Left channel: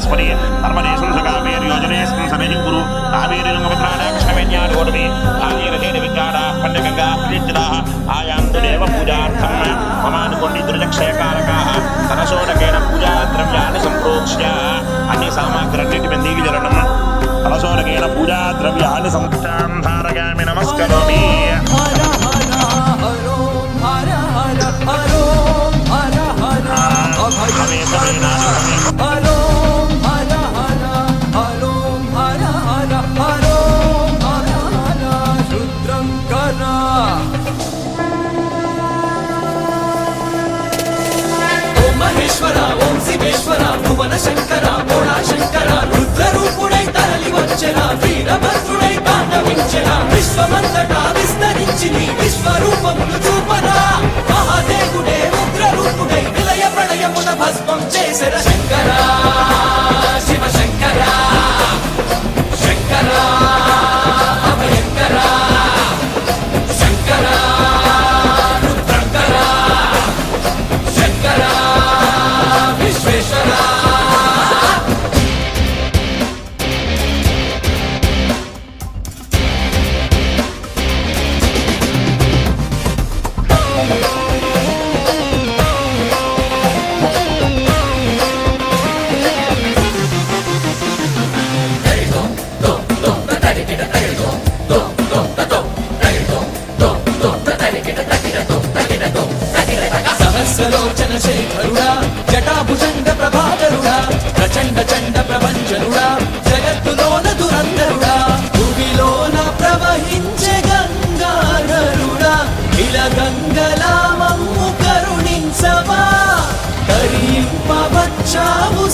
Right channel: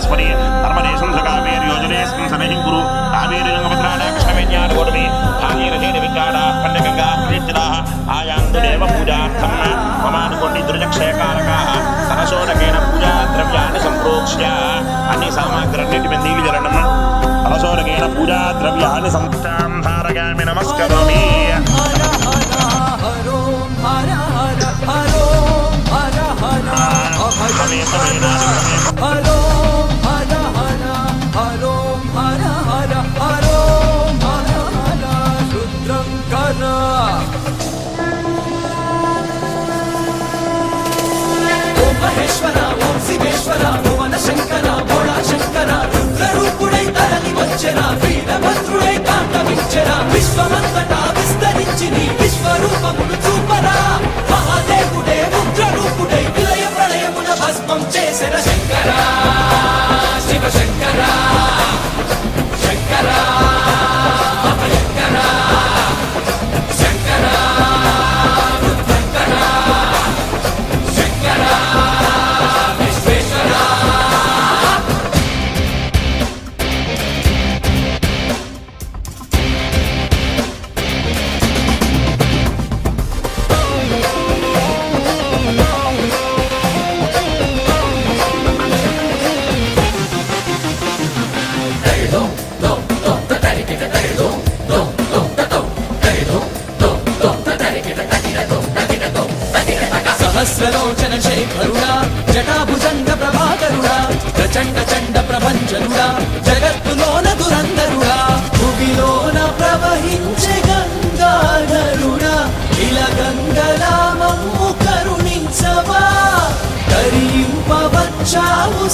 सरस्वती नर्मदेशं कावेर्योजनेऽस्मिन् सनहि गुरु कावेरीरङ्गपत्राणा कृष्णवेण्यानुगोडमे भागीरथेन विद्याडाः पण्डगङ्गा प्रयुज्यताः आयान्तु देव पूजार्थं ममानुकोण्डि दुर्जक्षयकारकाः कलशोदकेन पूजा द्रव्याणि सम्प्रोक्ष्य अन्य सामग्र्यन्निटिं नीलिजलनं कलशोदकेन पूजा द्रव्याणि संस्थां धारयामि नमस्करोमि। విశ్వమంతటా విస్తరించింది విశ్వరూపమును చూపరా మహాదేవుడే ఉగ్రరూపుడై విలయ ప్రళయమున భస్మం చేసిన శంకరా శివ శంకరా శంకరా అభయంకరా శంకరా రుద్రంకరా శంకరా విశ్వేశ్వరా సహస్రలోచన శేఖరుడా జటాభుజంగ ప్రభాకరుడా ప్రచండ చండ ప్రభంజనుడా జగత్తులోన దురంధరుడా భూమిలోన ప్రవహించే గంగాధరుడా ఇలా గంగలామమ్ము కరుణించవా కరింపవచ్చావు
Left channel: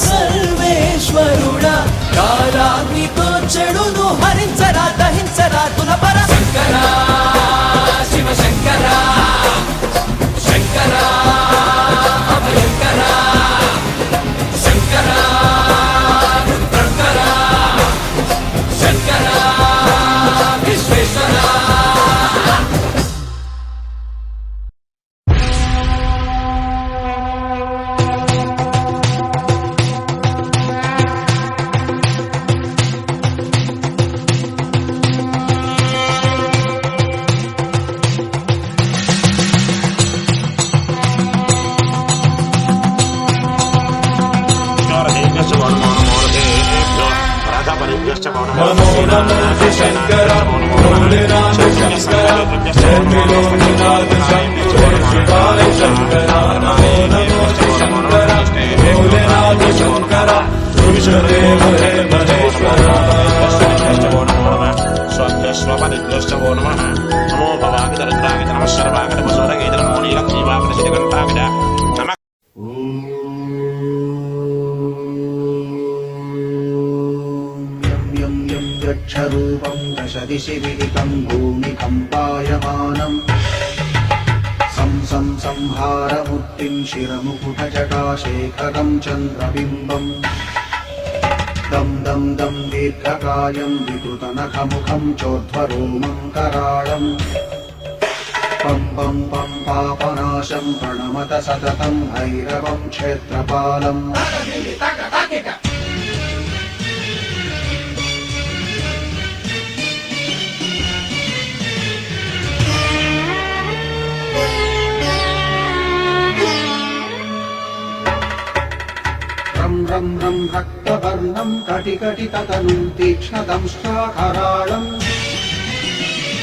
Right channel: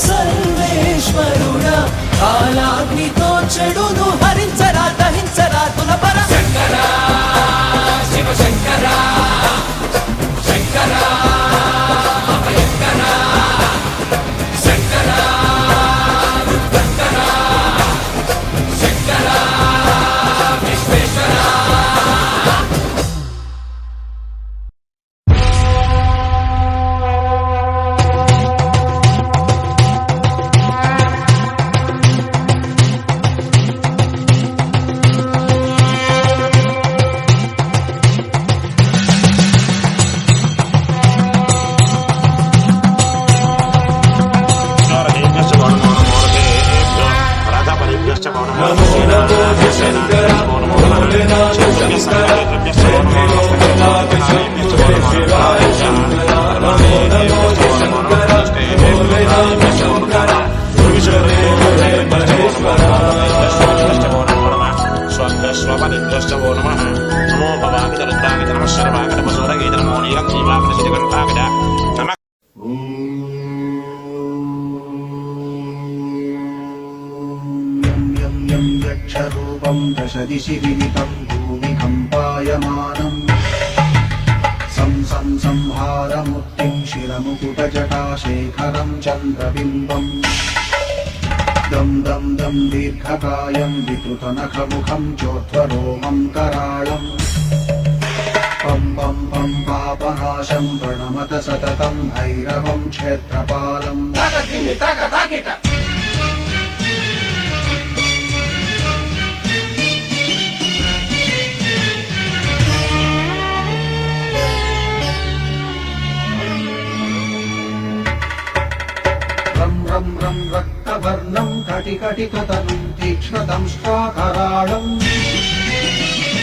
సర్వేశ్వరుడా కాలాగ్నితో చెడును హరించరా దహించరా తులపర శంకరా శివ శంకరా శంకరా అభయంకరా శంకరా రుద్రంకరా శంకరా విశ్వేశ్వరా नमो भवागत रुद्रागत नमः सर्वागत वसुरगेत नमो नीलक्षीवागत श्रीकण्ठागत नमः यक्षरूपं दशदिशि विदितं भूमिकम्पायमानम् संहारमूर्तिं शिरमुकुटजटाशेखरं चन्द्रबिम्बम् दं दं दं दीर्घकायं विकृतनखमुखं चोर्ध्वरोमं कराळम् पं पं पं पापनाशं प्रणमत सततं भैरवं क्षेत्रपालम् रं रं रक्तवर्णं कटिकटिततनुं तीक्ष्णदंष्ट्राकराळम्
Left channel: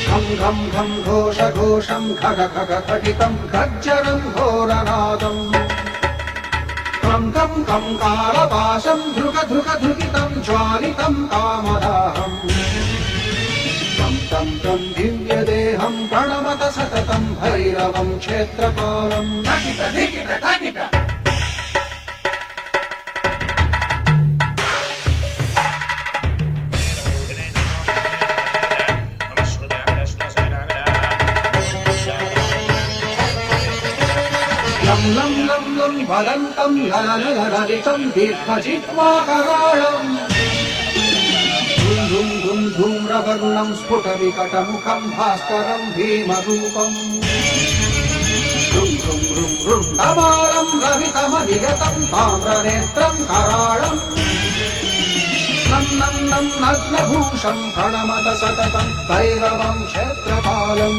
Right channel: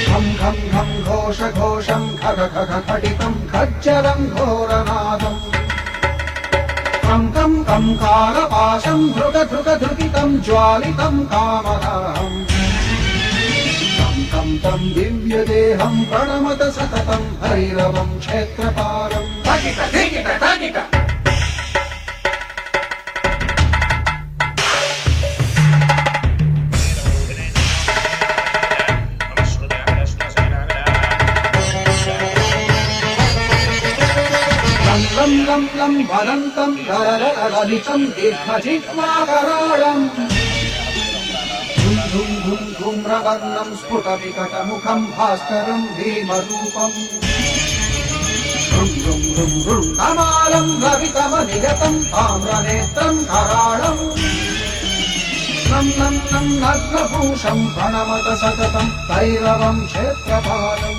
घं घं घं घोषघोषं खग खग खटितं खज्जरं घोरनादम् कं कं कं कालपाशं धृक धृक धृकितं ज्वालितं कामदाहम् तं तं तं दिव्यदेहं प्रणमत सततं भैरवं क्षेत्रपालम् तगिट धिगिट तगिट लं लं लं वदन्तं ललितं दीर्घजिह्वाकराळम् धुं धुं धुं धूम्रवर्णं स्फुटविकटमुखं भास्करं भीमरूपम् धुं धुं రుండమాలం రవితమనియతం తామ్రనేత్రం కరాళం నం నం నం నగ్నభూషం ప్రణమత సతతం భైరవం క్షేత్రపాలం